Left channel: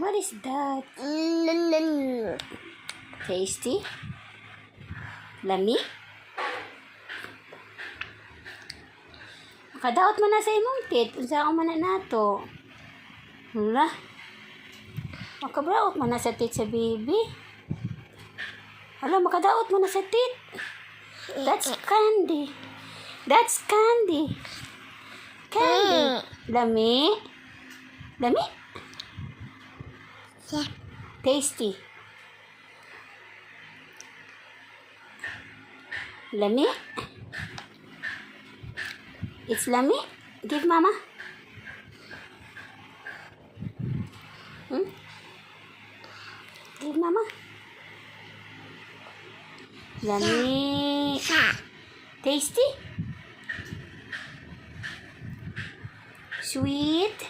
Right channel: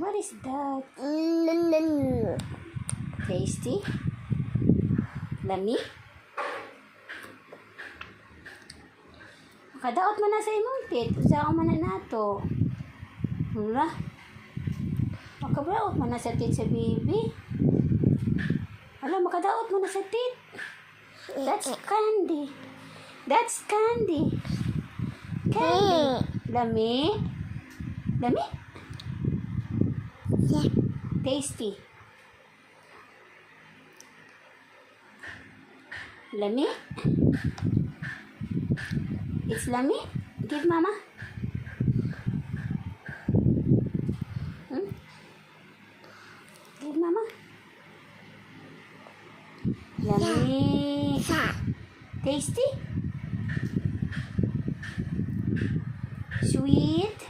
What is that? Tasty? Lami? Makadaot mo na sa imong tit. Usa mo na nato. Wala. Makabraot mo na sa tit sa baby. Wala, makadaot mo na sa tit. That's candy. That's candy. Candy. Lami? Lami? Tasty. Lami? It's lami? Give mama. Give mama. Lami. Tasty? Sweet?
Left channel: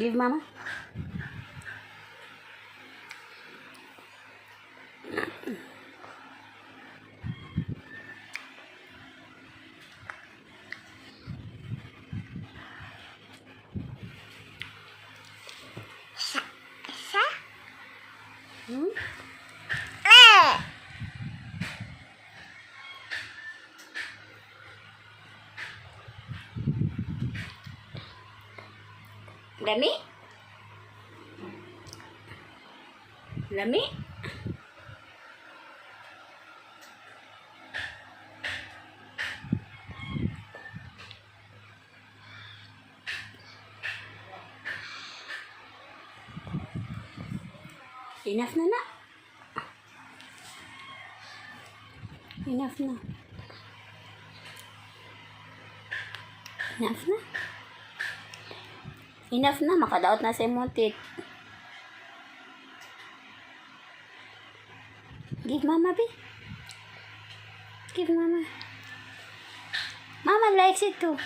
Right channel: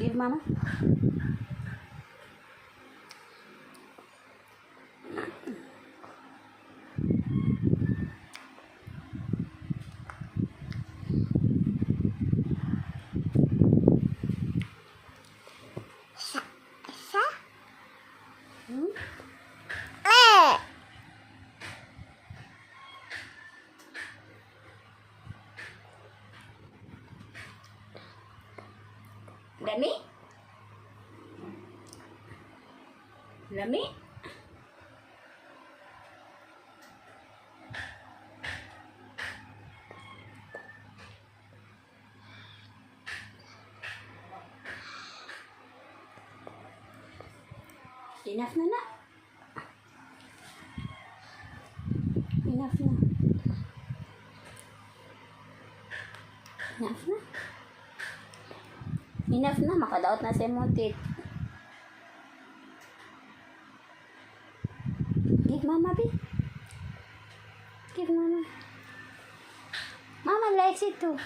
Give mama. Lami? Lami? Enough na na. Enough na. Enough na. Enough na. Makadaot na sa imong tit. Give mama, be. Give mama. Mama likes it too.